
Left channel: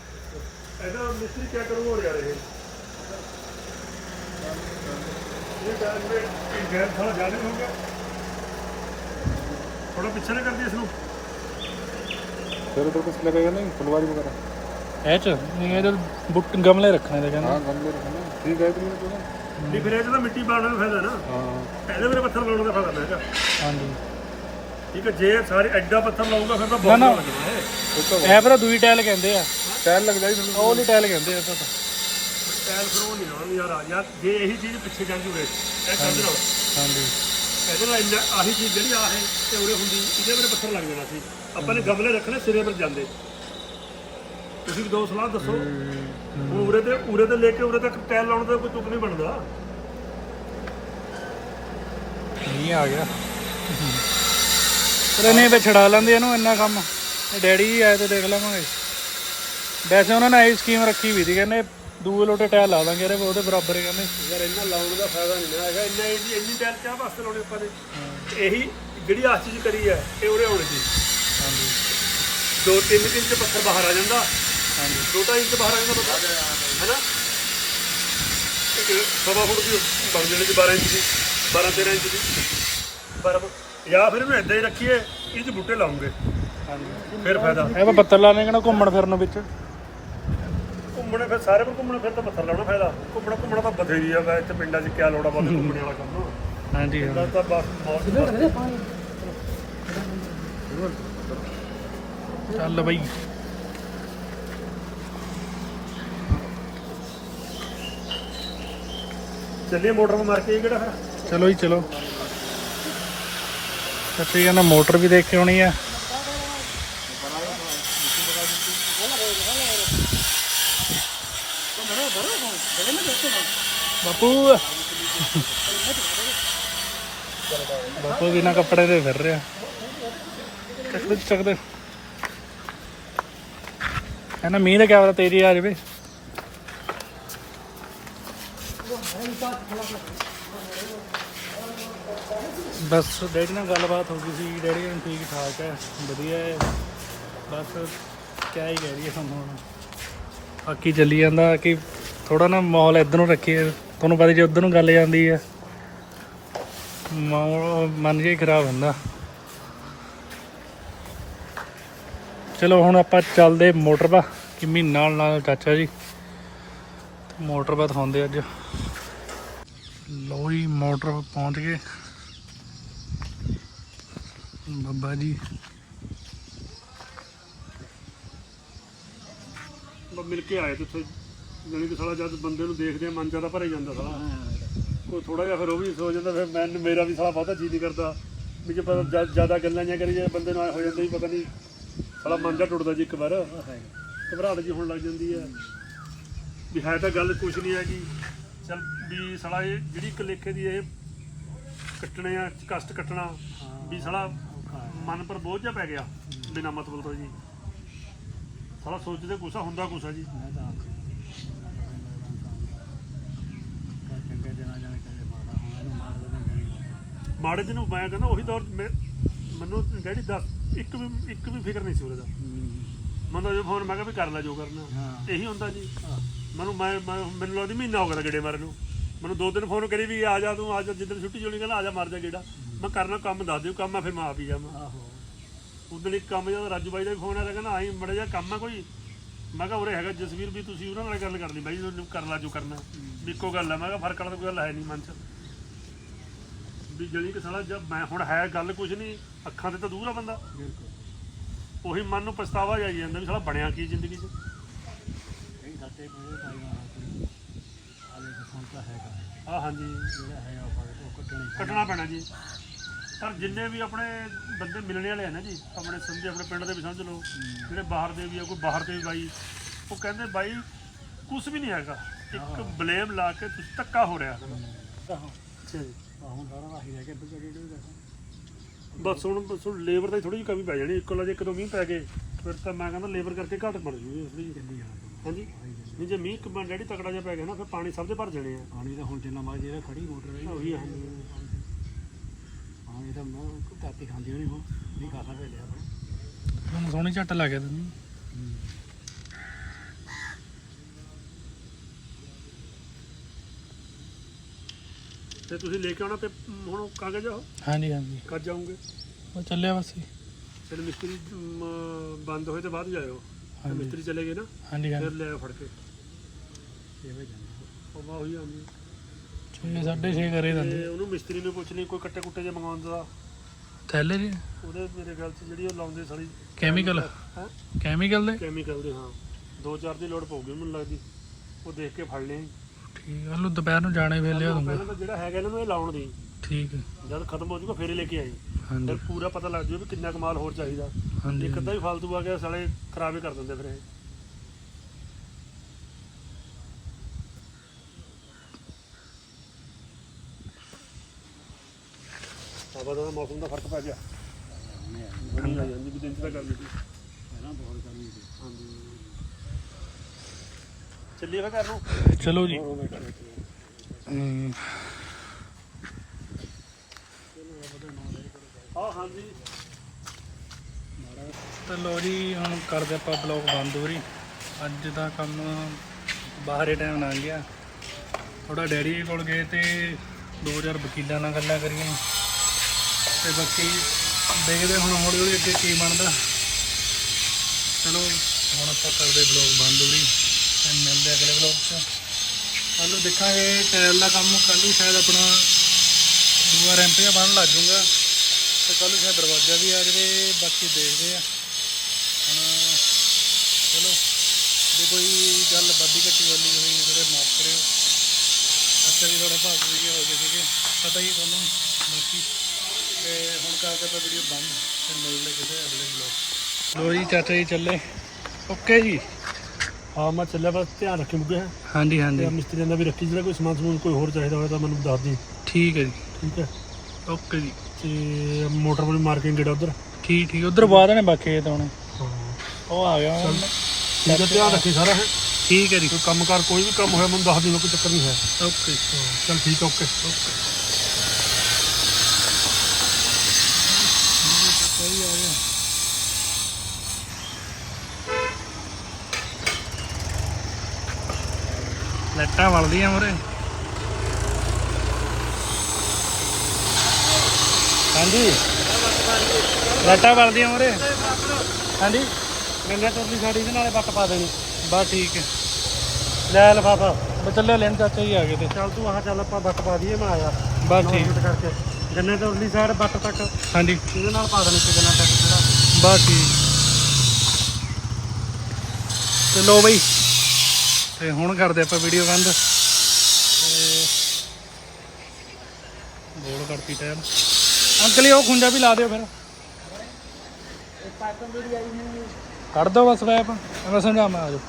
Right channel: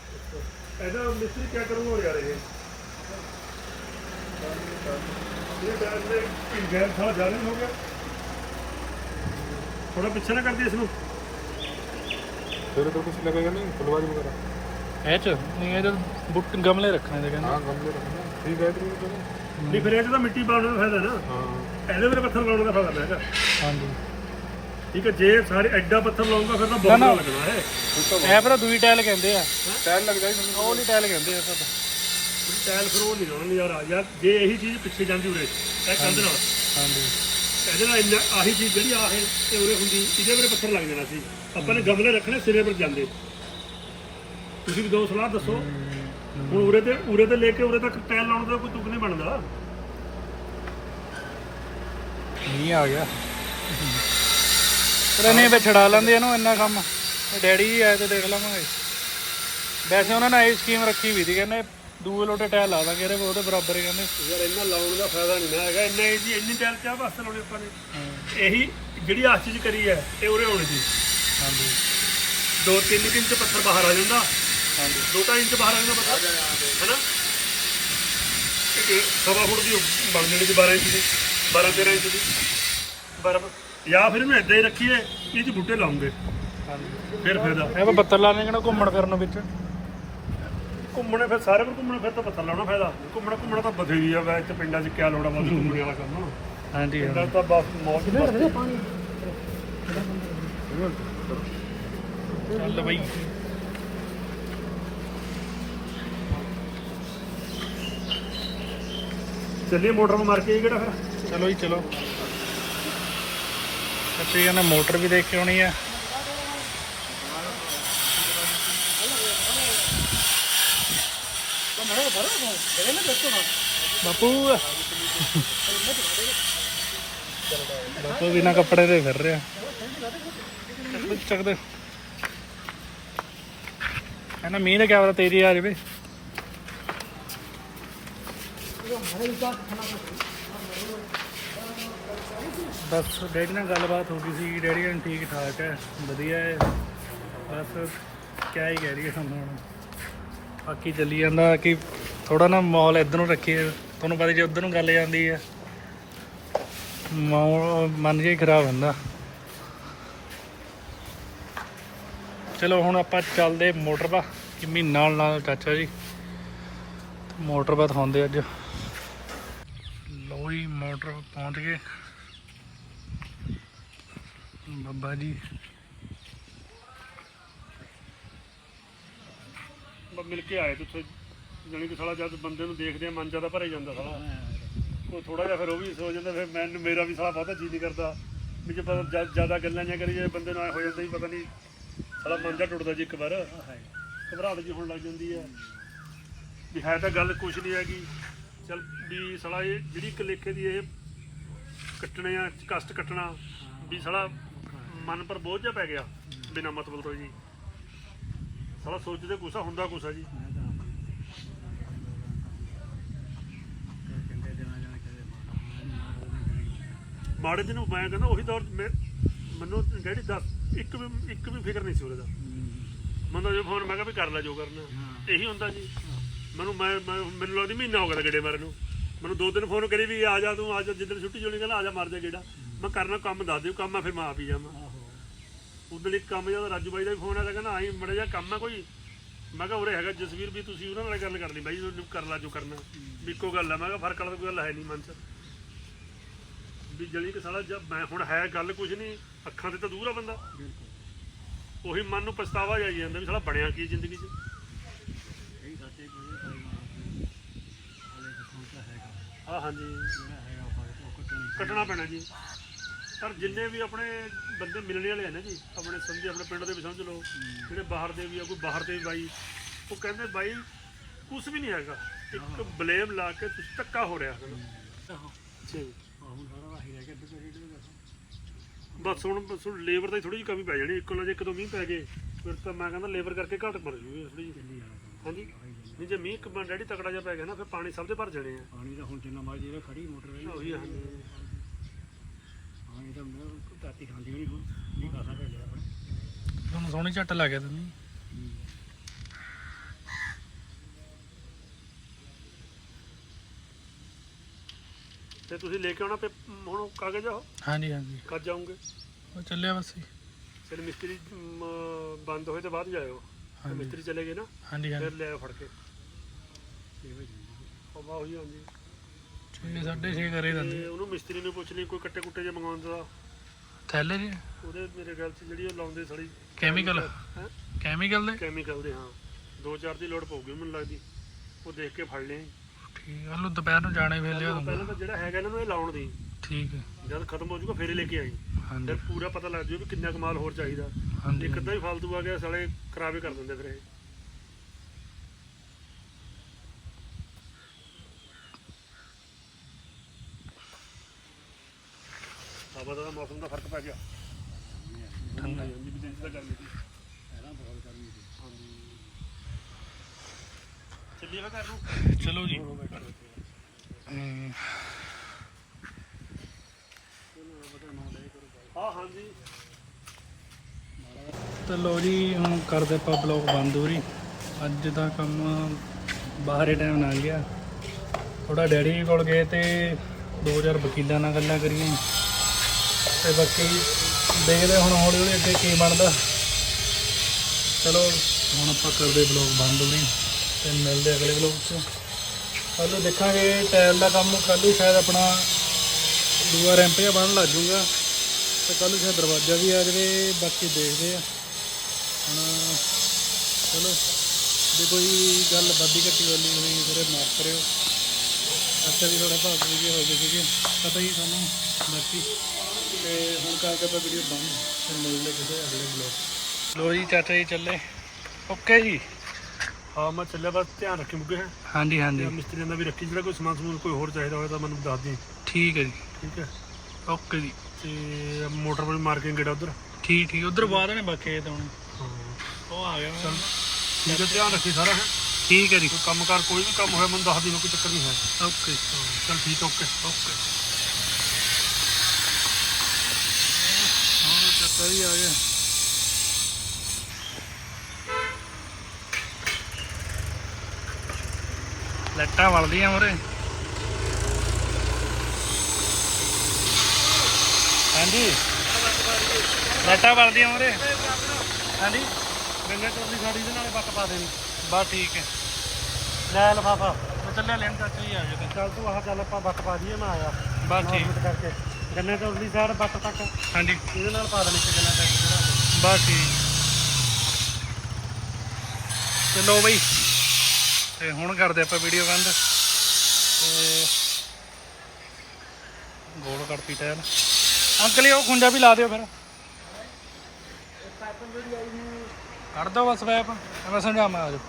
ਇਹਦਾ ਮਿਸਤਰੀ ਕੀ ਕਰੂਗਾ ਹੋਰ ਯਾਰ ਇਹ? ਇਹ ਟਾਇਰ ਦੇ ਗੈਰ ਥੋੜਾ ਜ਼ਿਆਦਾ ਹੋ ਗਿਆ ਥੋੜਾ ਪਿੱਛੇ ਨਾ ਕਰਦੀ ਇਸ ਨੂੰ। ਫਿਰ ਉਧਰ ਕੁਝ ਲੱਗੇਗਾ ਨਹੀਂ? ਫੁਲਵਾਰੀ ਵਗੈਰਾ? ਇਹ ਚ? ਨਹੀਂ ਇਹ ਤਾਂ ਬੁੱਟ ਗਮਲੇ ਰੱਖਣੇ ਦੇ ਕਹਿੰਦੇ। ਹਾਂ ਗਮਲੇ ਰੱਖਣਾ ਠੀਕ ਹੈ ਤਰੀਕ ਨਹੀਂ ਫਿਰ ਇਹ ਤਾਂ ਮਿੱਟੀ ਪਾਉਣ ਦਾ ਫਾਇਦਾ ਨਾ। ਹਾਂ। ਇਹਦੇ ਵਿੱਚ ਪੱਥਰ ਲਾਉਣ ਦਾ ਫਾਇਦਾ ਹੈਗਾ। ਹਾਂਜੀ। ਠੀਕ ਹੈ ਜੇ ਸਾਰੇ ਐਡਾ ਪੱਥਰ ਲਾਉਂਗਾ ਫਿਰ ਤਾਂ ਬਹੁਤ ਨਾ, ਹੈ। ਇਹ ਭਰਾ ਦੂਈ ਟਾਇਲ ਕਹਿੰਦੇ ਆ। ਟਾਈਮ ਲੱਗ ਜਾਈ ਉਹ ਵਾਲੀ ਟਾਇਲ ਕਹਿੰਦੇ ਆ ਪਤਾ ਬਟ ਫਿਰ ਉਹ ਨਹੀਂ ਲਾਉਣੀ ਯਾਰ ਆ। ਯਾਰ ਜੇ ਇਹੀ ਚੀਜ਼ ਪਿੱਛੇ ਜਾਂਦੀ ਉਰੇ ਇਹ ਕੰਧ ਨਾਲ। ਹਾਂਜੀ। ਇਹਦੇ ਨਾਲ ਇੰਨਾ- ਆਹੀ ਚੀਜ਼ ਜਿਹੜੀ ਆਹ ਤੇ ਉਰੇ ਹੁੰਦੀ ਇਹਦੇ ਵਿੱਚ ਪੱਥਰ ਲੱਗ ਜਾਣਾ ਸੀ। ਆਪਾਂ ਨੇ ਗਮਲੇ ਰੱਖਣੇ ਸਿਰੇ ਪਰ ਜਾਂਦੇ। ਤੁਸੀਂ ਵੀ ਦੋ ਸਲਾਹ ਦੱਸੋ। ਹੁਣ ਉਰੇ ਤੇ ਉਰੇ ਤੇ ਲੈ ਕੇ ਉਰੇ ਤੱਕ ਟਾਇਲ ਲਾਉਣ ਦਾ ਕੋਈ ਤੁਕ ਨਹੀਂ ਬਣਦਾ। ਨਹੀਂ ਆ ਗਿਆ। ਚਲੋ ਨਹੀਂ ਵਿੱਚ ਛਡਾ ਲੈਂਦੇ ਇਹਨੂੰ ਇੰਨਾ ਕੰਮ। ਇਹ ਡੈਡੀ ਵੀ ਆਏ ਤੇ ਦੇਖ ਲਵਾਂਗੇ। ਵੈਸੇ ਉਹਨਾਂ ਨੇ ਇਹ ਸਕੀਮ ਰੱਖੀ ਵੀ ਸੀ ਕਹਿੰਦੇ ਦੂਏ ਲੋਟੇ ਟਾਇਲ ਲਾ ਦਾਂਗੇ ਇਹਦੇ ਉਹਦੇ ਬਰਾਬਰ ਹੀ ਕਹਿੰਦੇ। ਯਾਰ ਇਹਨਾਂ ਲਾਉਣ ਦਾ ਫਾਇਦਾ ਨਹੀਂ ਨਾ ਹੈਗਾ ਇੰਨਾ ਇੰਨੀ ਇੰਨੀ ਟੈਲ ਚਾਹ ਵਾਸਤੇ ਲਾਉਣੇ ਆਪਾਂ ਨੇ? ਇਹੀ ਜਿਹੜੀ ਆਸ ਚੀਜ਼ ਕਰੀ ਹੈ ਇਹ ਉਰੇ ਆਉਣੀ ਸੀ। ਹਾਂਜੀ। 2-3 ਇੰਚ ਪੱਥਰ ਬਾਹਰ ਆ ਜਾਂਦਾ। ਹਾਂਜੀ। 2-2 ਇੰਚ ਬਾਹਰ ਆ ਜਾਂਦਾ ਪੱਥਰ ਹੈਨਾ? ਇੱਕ ਸਵਾ ਫੁੱਟ ਦੀ ਬਣ ਜਾਣੀ ਸੀ 12 ਇੰਚ ਦੀ 12-13 ਇੰਚ ਦੀ। ਬਰਾਬਰ ਜਾਂ ਫਿਰ ਇਹਨੂੰ ਏਦਾਂ ਹੀ ਰੱਖੀਏ ਇਹ 'ਚ ਬੂਟੇ ਲਾਉਂਗੇ। ਹਾਂਜੀ। ਫਿਰ ਫਾਇਦਾ। ਇਹ ਤਾਂ ਬੱਤਰ ਲਾ ਲੈਣਾ ਘੁੰਮਣ ਫਿਰਨ ਵਿੱਚ? ਘੁੰਮਣੇ ਫਿਰ ਸਾਰੇ ਪਰ ਘੁੰਮਣਾ ਫਿਰ ਤਾਂ ਪੱਥਰ ਲਾਉਣਾ ਫਾਇਦਾ। ਘੁੰਮਣਾ ਘੁੰਮਣਾ ਤਾਂ ਬਥੇਰੀ ਆ ਵੈ ਇੱਥੇ ਪਿੰਡਾਂ 'ਚ ਕਿਆ ਲੋੜਾ ਬਾਦ ਘੁੰਮਣੇ ਵਾਲਾ ਕੰਮ। ਹਾਂਜੀ 'ਚ ਤਾਂ ਬਸ ਮੌਸਮ ਚੱਲ ਬਈ। ਚੱਲੀਏ ਮੋਟਰ ਮਾਰ ਕੇ ਕਿਹੜਾ ਫਿਰ? ਚਲੋ ਜੀ, ਚਲੋ। ਸੱਚੀ ਕਹਿੰਦਾ ਮੋਟਰ ਵੀ ਦੇਖ ਕੇ ਆਉਣੀ ਆ। ਬਾਪੂ। ਬਾਪੂ ਬਿਨਾ ਕੱਪੜੇ ਦੇ ਫਿਰ ਰਿਹਾ। ਕਿੱਥੇ ਚੱਕਦੇ ਇਹਨਾਂ ਮੀਂਹ ਦਾ ਕਿਆ ਪਤਾ ਤੇਰੀ ਆ ਜਾਵੇ ਬਸ ਡੈਡੀ ਨਾਲ ਗੱਲਬਾਤ ਹੋ ਗਈ ਸੀ, ਡੈਡੀ ਕਹਿੰਦੇ ਠੀਕ ਠਾਕ ਹੈ, ਵਧੀਆ ਹੈ। ਬਸ ਕਿਆ ਹੀ ਕਹਿ ਰਹੀ ਹੈ ਸਾਨੂੰ ਹੁਣ। ਬਾਕੀ ਚੱਲੀ ਜਾਂਦਾ ਕਿ ਥੋੜਾ ਨਾ ਮਾਹੌਲ ਇੱਧਰ ਨੂੰ ਰੱਖੀਏ। ਤੁਹਾਨੂੰ ਪਤਾ ਜੇ ਉੱਧਰ ਨੂੰ ਗੱਲ ਜਾਂਦੀ ਹੈ, ਮਾਹੌਲ ਮਨ ਜਿਹਾ ਹੀ ਖਰਾਬ ਹੁੰਦਾ। ਚਲੋ ਹੁਣ ਆਪਾਂ ਚੱਲਦੇ ਮੋਟਰ ਪਾ ਜਿੰਮੀ ਨਾਲ ਨਾਲ ਚਾਚਾ ਜੀ, ਮੋਟਰ ਪਾ ਦਿਖਾਉਂਦੇ ਅੱਜ। ਲੋ ਜੀ ਮੋਟਰ ਪਹੁੰਚ ਗਏ। ਬੱਬਾ ਜੀ। ਬਸ ਮਿਲ ਕੇ ਆਏ ਤੇ ਉੱਥੇ ਜਾਣੀ ਕਿ ਸਾਲਾ ਜਦ ਬੰਦੇ ਨੂੰ ਦੇਖਦੇ ਆ ਮਨ ਜ਼ਿਆਦਾ ਭਰੇ ਜਾਂਦਾ ਸਾਲਾ। ਕੋਈ ਥੋੜਾ ਜਿਹਾ ਫਿਰ ਉਹ ਵੀ ਸੋ ਜਾਂਦਾ ਫਿਰ ਮੈਨੂੰ ਮੇਰਾ ਵੀ ਸਾਲਾ ਬਹੁਤਾ ਜੀ ਨਹੀਂ ਕਰਦਾ। ਵੀ ਜੇ ਪਤਾ ਜ਼ਿਆਦਾ ਗੱਲਾਂ ਜਾਂ ਕਰੀ ਜੇ ਬੰਦੇ ਨੂੰ ਹੋ ਜਾਂਦਾ ਹੀ ਪਤਾ ਨਹੀਂ ਸਾਲਾ ਮਨ ਜਾ ਟੁੱਟਦਾ ਜੀ ਇੱਕ ਵਾਰ। ਘਬਰਾਹਟ ਜੀ ਹੋਣ ਲੱਗ ਜਾਂਦੀ ਹੈ ਵੀ ਹੈ ਤਾਂ ਗੱਲ ਕੁਛ ਨਹੀਂ ਹੈਗੀ। ਚਲ ਵੀ ਸਾਲਾ ਇਹ ਜਿਹੜੀ ਇੱਕ ਲੇਖੇ ਦੀ ਇਹ ਕੱਟਣੇ ਆ ਕਸ਼ਟ ਕੱਟਣਾ ਵੀ ਸਾਲਾ ਮਨ ਪਰ ਬੋਝ ਜਿਹਾ ਪੈ ਗਿਆ ਬਿਨਾ ਮਤਲਬ ਤੋਂ ਜੀ। ਸਾਲਾ ਸੋਚਦੇ ਆ ਹੁੰਦਾ ਆ ਜੀ। ਮਾੜੇ ਦਿਨ ਮੈਂ ਕਹਿੰਦਾ ਉਹੀ ਦੌਰ ਮੈਨੂੰ ਡੈਡੀ ਦੱਸ ਇੱਕ ਵੀ ਇੱਕ ਵੀ ਫਿਕਰ ਨਹੀਂ ਸੀ ਉਹਦਾ। ਮੈਂ ਤਾਂ ਜੋ ਫੋਨ ਮੈਂ ਕਿਹਾ ਵੀ ਕਰ ਲੈ ਜੋ ਕਰਨਾ। ਇਹੀ ਹੁੰਦਾ ਜੀ। ਮੈਨੂੰ ਮੈਂ ਮੈਂ- ਮੈਨੂੰ ਲੱਗਦੀ ਮਹੀਨਾ ਹੋ ਗਿਆ ਗੇੜੇ ਮਾਰਨ ਨੂੰ। ਮੈਨੂੰ ਦੋ ਦਿਨ ਫੋਨ ਕਰੀ ਵੀ ਆ ਜਾ ਤੂੰ ਆ ਜਾ ਜਿੱਦਣ ਛੁੱਟੀ ਜੋਣੀ ਕਹਿੰਦਾ ਆ ਜਾ ਮਾਰ ਜਾ ਗੇੜਾ। ਮੈਂ ਕਰਨਾ ਕੰਮ ਦੱਸ ਦਿਓ ਕੰਮ ਆ ਫਿਰ ਮੈਂ ਆਪ ਹੀ ਜਾਵਾਂ ਉਦੋਂ ਇੱਕ ਕੰਮ ਜਦੋਂ ਰਾਜੂ ਬਾਈ ਦਾ ਵੀ ਫੋਨ ਆਇਆ ਕਹਿੰਦਾ ਆਈ ਮੜਾ ਜਾ ਕੰਮ ਆ ਕੋਈ। ਮੈਂ ਕਿਹਾ ਉਰੇ ਹੈਗਾ ਜਸਵੀਰ ਵੀ ਤੁਸੀਂ ਉਹਨਾਂ ਨਾਲ ਗੱਲ ਕਰ ਲਈ ਬਾਈ ਤੁਹਾਨੂੰ ਕਰ ਲਾ ਜੋ ਕਰਨਾ। ਵੀ ਇੱਕੋ ਗੱਲ ਆ ਮੈਂ ਕਿਹਾ ਫ਼ਰਕ ਵਾਲਾ ਤਾਂ ਕੋਈ ਗੱਲ ਹੈ ਨਹੀਂ ਮਨ 'ਚ। ਵੀ ਜਲੀ ਕਿ ਸਾਲਾ ਜਦ ਮੈਂ ਹੁਣ ਹੈ ਗੱਲ ਕੁਝ ਨਹੀਂ ਅੱਖਾਂ ਤੇ ਤਾਂ ਦੂਰ ਆ ਬੰਦਾ। ਉਹੀ ਮਨ ਨੂੰ ਪਛਤਾਵਾ ਜਾਈ ਜਾਂਦਾ ਵੀ ਸਾਲਾ ਬਣਿਆ ਕੀ ਜ਼ਿੰਦਗੀ 'ਚ। ਆ ਹਾਂਜੀ। ਕੱਟਣਾ ਪੈਣਾ। ਜੀ। ਪਰ ਜਿੰਨੇ ਵੀ ਆਪਣੇ ਬੰਦੇ ਮਿਲਣੇ ਵਾਲੇ ਆ ਨਾ ਜੀ ਆਪਣੇ ਸਮਝੇ ਆਪਣੇ ਪਿੰਡ ਦੇ ਵੀ ਸਮਝ ਲਓ ਜਿਹੜੇ ਬਾਹਰ ਦੇ ਵੀ ਆ ਕੋਈ ਬਾਹਰ ਦੇ ਵੀ ਬਾਈ ਉਹ ਕਹਿੰਦੇ ਬਾਈ ਕੁਝ ਵੀ ਨਹੀਂ ਹੈਗਾ। ਇੱਕ ਬਲੇਮ ਲਾ ਕੇ ਤੁਸੀਂ ਧੱਕਾ ਹੋ ਰਿਹਾ। ਹੈ। ਜੀ ਬਸ ਹੁਣ ਬਸ ਹੁਣ ਲੇਬਰ ਦੀ ਥੋੜੀ ਜਿਹੀ ਕਮੀ ਪੈ ਜਾਣੀ ਇੱਕੋ ਲੱਜੇ ਇੱਕ ਦੋ ਮੀਂਹ ਪੈ ਗਏ ਫਿਰ ਤਾਂ ਮੈਂ ਕਹਿੰਦਾ ਲੇਬਰ ਕਰਕੇ ਘੱਟ ਮਰ ਜੂਗੀ ਥੋੜੀ ਜਿਹੀ ਹਾਂਜੀ? ਨਹੀਂ ਜੇ ਮੀਂਹ ਕਮਾ ਡੈਡੀ ਤਕੜਾ ਜਿਹਾ ਪੈ ਗਿਆ ਨਾ ਫਿਰ ਪਾਣੀ ਸਭ ਦੇ ਭਰ ਜਾਣੇ ਆ। ਪਾਣੀ ਤਾਂ ਹੁਣ ਜਿੰਨਾ ਮਰਜ਼ੀ ਇਹਦਾ ਖੜੀ ਮੋਟਰ ਰਹੀ ਉਹੀ ਆ ਪਾਣੀ ਤਾਂ ਮੂੰਹ ਧਰਤੀ ਖਾਂਦੀ ਹੋਣੀ ਹੁਣ ਨਹੀਂ ਖਾਸਾ ਭੇਲਿਆ ਆਪਣਾ। ਤੁਹਾਨੂੰ ਸੋਹਣੀ ਝੱਟ ਲੱਗ ਗਿਆ ਤੁਸੀਂ ਤੇ ਤੁਸੀਂ ਲੈ ਕੇ ਆਉਣਾ ਤੇ ਹੁਣ ਕਾਗਜ਼ ਆ ਉਹ? ਹਾਂਜੀ ਹਾਂਜੀ। ਕਦ ਜਾਓਗੇ ਉਹ ਚੱਲਿਆ ਬਸ ਜੀ। ਫਿਰ ਮਿਸਤਰੀ ਅਮ, ਬੰਦ ਹੋਏ ਤੇ ਬਾਅਦ ਜਾਇਓ। ਹਾਂਜੀ। ਮਿਸਤਰੀ ਚਲੇ ਗਏ ਨਾ ਹਾਂਜੀ ਫਿਰ ਹਾਂਜੀ ਲੈ ਆਓ ਫੜ ਕੇ। ਉਹ ਬਾ ਹੋਈ ਆਂਦੀ 6 6.5 ਕਰੇ ਦਿੰਦੇ ਤੇ ਉਹਨੂੰ ਮਿਸਤਰੀ ਨੂੰ ਪੁੱਛ ਲਈ ਕੋਈ ਕੱਟੇ ਕੁੱਟੇ ਜੇ ਮੰਗਾਉਣ ਦਾ। ਥੈਲੇ ਜੀ? ਉਹਦੇ ਮੇਰੇ ਖਿਆਲ ਚ ਜਿਹੜੀ ਉਹ ਲਾਉਂਦੇ ਸਾਲੀ। ਕੈਮੀਕਲ ਹੈ? ਕੈਮੀਕਲ ਦੇ? ਕੈਮੀਕਲ ਦੇ ਹਾਂ। ਦੋ ਚਾਰ ਦੀ ਲੋੜ ਪਊਗੀ ਮੈਨੂੰ ਲੱਗਦੀ। ਉਹ ਦੇਖ ਕੇ ਫੜ ਲਿਆ ਠੀਕ ਆ ਲੋ ਦੁਪਹਿਰ ਨੂੰ ਜਾਣੇ ਵੇਲੇ ਪਹਿਲਾਂ ਤਾਂ ਜਿਹੜਾ ਹੈਗਾ ਨੂੰ ਇਹ ਲਾਉਣ ਦੀ। ਠੀਕ ਹੈ। ਜਦ ਖਤਮ ਹੋ ਜਾਊਗਾ ਫੇਰ ਲੈ ਕੇ ਆਈ। ਹਾਂਜੀ। ਫਿਰ ਪੂਰਾ ਪਤਾ ਲੱਗ ਜਾਊ ਵੀ ਕਿੰਨਾ ਕਮਾਲ ਹੋਰ ਚਾਹੀਦਾ। ਹਾਂਜੀ। ਇੱਕ ਅੱਧਾ ਵੀ ਫਾਲਤੂ ਆ ਗਿਆ ਸਾਲੇ ਖਰਾਬ ਕਰ ਦਿੰਦੇ ਫਿਰ ਇਹ। ਦਾ ਮੌਸਮ ਦਾ ਫ਼ਰਕ ਪੈ ਗਿਆ। ਠੰਡਾ। ਜਾਂਦੀ ਵੀ ਦਿਨ ਚ ਤਾਂ ਕਰ ਲਈ ਹਾਂਜੀ। ਚੱਲੀਏ ਫਿਰ ਘਰ ਨੂੰ? ਚਲੋ ਜੀ ਹਾਂ ਹਾਂਜੀ ਤੇ ਲੋ ਜੀ, ਹੁਣ ਕਰਦੇ ਆਪਾਂ ਬਲੌਗ ਬੰਦ ਹੋ ਰਹੀ ਅੱਜ ਦਾ ਕੰਮ ਬਾਹਰੇ ਟਾਈਮ ਲੰਘ ਗਿਆ। ਥੋੜਾ ਡੈਡੀ ਕੋਲ ਗਏ ਤੇ 2000 ਵਕੀਲਾਂ ਨਾਲ ਗੱਲਾਂ ਕਰੀਆਂ। ਤੇ ਬਾਕੀ ਦੇਖਦੇ ਹੁਣ ਹੌਲੀ ਹੌਲੀ ਅੱਗੇ ਕੀ ਬਣਦਾ। ਚਲੋ, ਹੁਣ ਆਪਾਂ ਕਰਦੇ ਬਲੌਗ ਬੰਦ ਹੋ ਰਹੀ ਤੇ ਮਿਲਦੇ ਅਗਲੇ ਬਲੌਗ 'ਚ। ਕੱਲ੍ਹ ਨੂੰ ਦੇਖਾਂਗੇ ਟਾਇਰ ਦਾ ਕੰਮ, ਕੱਲ੍ਹ ਨੂੰ ਸ਼ਾਇਦ ਆਪਣਾ ਦੂਆ ਰੈਂਪ ਜਾਂ ਬਣਨ ਲੱਗ ਜਾਊਗਾ। ਤੇ ਕੱਲ੍ਹ ਨੂੰ ਸ਼ਾਇਦ ਦਰਵਾਜ਼ਾ ਵੀ ਆ ਜਾਵੇ ਬਾਕੀ ਦੇਖਦੇ ਆ। ਹੁਣ ਚਲੋ ਜੇ ਕੋਈ ਗੱਲ ਵੱਡੀ ਘੱਟੀ ਵਾਲੀ ਹੋਈ ਵੀਰੇ ਮਾਫ ਕਰਿਓ। ਅੱਛਾ ਵੀ ਥੋੜੇ ਭਾਵ ਵੀ ਹੋ ਗਏ ਸੀਗੇ ਪਤਾ ਹੀ ਤੁਹਾਨੂੰ ਬਾਕੀ। ਤੇ ਹੁਣ ਕਰਦੇ ਆਪਾਂ ਵੀਡੀਓ ਬੰਦ ਤੇ ਮਿਲਦੇ ਕਿਸੇ ਅਗਲੇ ਬਲੌਗ ਲੋ ਜੀ ਚਾਚਾ ਜੀ ਚੱਲੇ। ਓਕੇ ਜੀ। ਹਾਂ ਮੈਂ ਚੱਲਿਆ ਬਸ ਧਿਆਨ ਰੱਖੀ ਮੁੱਗੇ ਹੈ। ਹਾਂਜੀ ਹਾਂਜੀ। ਮਿਸਤਰੀਆਂ ਦਾ ਵੀ ਰੱਖੀ ਜਿਹੜਾ ਕੋਈ ਸਮਾਨ ਸਮੂਨ ਕੋਈ ਹੋਰ ਚਾਹੀਦਾ ਹੋਵੇ ਤਾਂ ਮੈਨੂੰ ਦੱਸ ਦੀ। ਠੀਕ ਹੈ ਜੀ। ਠੀਕ ਹੈ। ਓਕੇ ਜੀ। ਤੇ ਮੋਟਰ ਵਾਲੀ ਮਾਰਕਿੰਗ ਗੇੜਾ ਉਧਰ? ਠੀਕ ਠੀਕ ਉਧਰ ਬਾਅਦ ਨੇ ਬਾਕੀ ਇਹ ਤਾਂ ਹੁਣੇ। ਹਾਂ। ਉਹ ਆ ਗਿਆ। ਠੀਕ ਹੈ ਧਿਆਨ ਰੱਖੀ ਸਾਰਾ ਹੈ। ਠੀਕ ਹੈ ਜੀ। ਕੋਈ ਕੰਮਕਾਰ ਕੋਈ ਵੀ ਕੰਮ ਹੋਇਆ ਮੈਨੂੰ ਦੱਸ ਦੀ ਕੋਈ ਚੱਕਰ ਨਹੀਂ ਹੈ। ਓਕੇ। ਹਾਂ, ਚੱਲ ਠੀਕ ਹੈ ਓਕੇ। ਓਕੇ। ਹਾਂ ਚਾਚਾ ਜੀ ਆ ਗਿਆ। ਲੱਟਾਂ ਵਲਦੀਆਂ ਮੋਰੇ। ਹਾਂਜੀ। ਲੱਟਾਂ ਵਲਦੀਆਂ ਮੋਰੇ ਹਾਂਜੀ। ਗੰਗਾ ਚੋਰਲੀ ਸਾੜੀ ਦੇ ਨਾਲੇ ਬੱਤ ਪਾ ਦੇਣੀ। ਬਸ ਠੀਕ ਹੈ। ਲੈ ਲਫਾਫਾ ਮੈਂ ਚੱਲਿਆ ਲੈਣ ਚਾਚਾ ਜੀ ਆ ਗਏ ਤੇ। ਚੱਲ ਤੂੰ ਆਹ ਚੱਲ ਆਪਾਂ ਬੱਤ ਪਾ ਦਈਏ ਮੈਂ ਆਇਆ। ਬਸ ਠੀਕ। ਕਰਕੇ। ਗੰਨੇ ਚੋਰਲੀ ਸਾਈਡ ਬੱਤ ਤੱਕ। ਹਾਂਜੀ। ਇਹਦੇ ਨਾਲ ਪਾ ਦੇਣੀ ਤੇ ਗੰਨਾ ਤੱਕ ਬਸ ਠੀਕ। ਤੇ ਲੋ ਬਈ। ਤੇ ਹੁਣ ਕਰਦੇ ਆਪਾਂ ਵੀਡੀਓ ਬੰਦ। ਤੇ ਗੋਲ ਕਰਤੀ ਟਾਇਰ। ਅੰਕਲ ਜੀ ਉਹ ਖੁੰਜਾ ਵੀ ਲਾ ਦਿਓ ਫਿਰ। ਕੱਢ ਦੋ ਬਸ ਵੈਪ ਮੈਂ ਸਮਝਾਵਾਂ ਆ ਜਾਓ।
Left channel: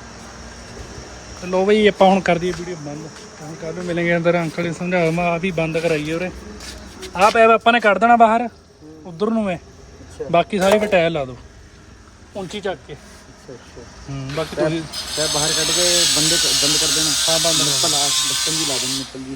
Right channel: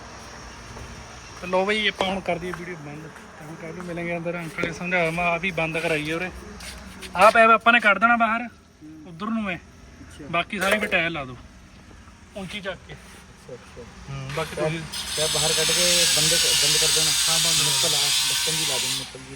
ਤੇ ਲੋ ਬਈ ਆਪਾਂ ਹੁਣ ਕਰ ਦਈਏ ਵੀਡੀਓ ਬੰਦ। ਤਾਂ ਹੁਣ ਕੱਲ ਨੂੰ ਮਿਲਾਂਗੇ ਅੰਦਰ ਅੰਕਲ ਜੀ ਸਮਝਾ ਮੈਂ ਆਦੀ ਬੰਦ ਕਰਾਈਏ ਉਰੇ। ਆਹ ਪੈਪ ਆਪਾਂ ਨੇ ਕੱਢ ਦੇਣਾ ਬਾਹਰ ਉਧਰ ਨੂੰ ਮੈਂ ਬਾਕੀ ਸਾਰੇ ਫਿਰ ਟਾਇਰ ਲਾ ਦਿਓ। ਉੱਚੀ ਚੱਕ ਕੇ। ਹਾਂ ਬਾਕੀ ਤੁਸੀਂ ਬਾਹਰ ਕੱਢ ਕੇ ਬੰਦ ਬੰਦ ਕਰ ਦੇਣਾ। ਹਾਂ ਬੰਦ ਲਾ ਬਚਪਨ ਦੀ ਲਾ ਦੇਣੀ। ਨਿਕਲ ਜੀ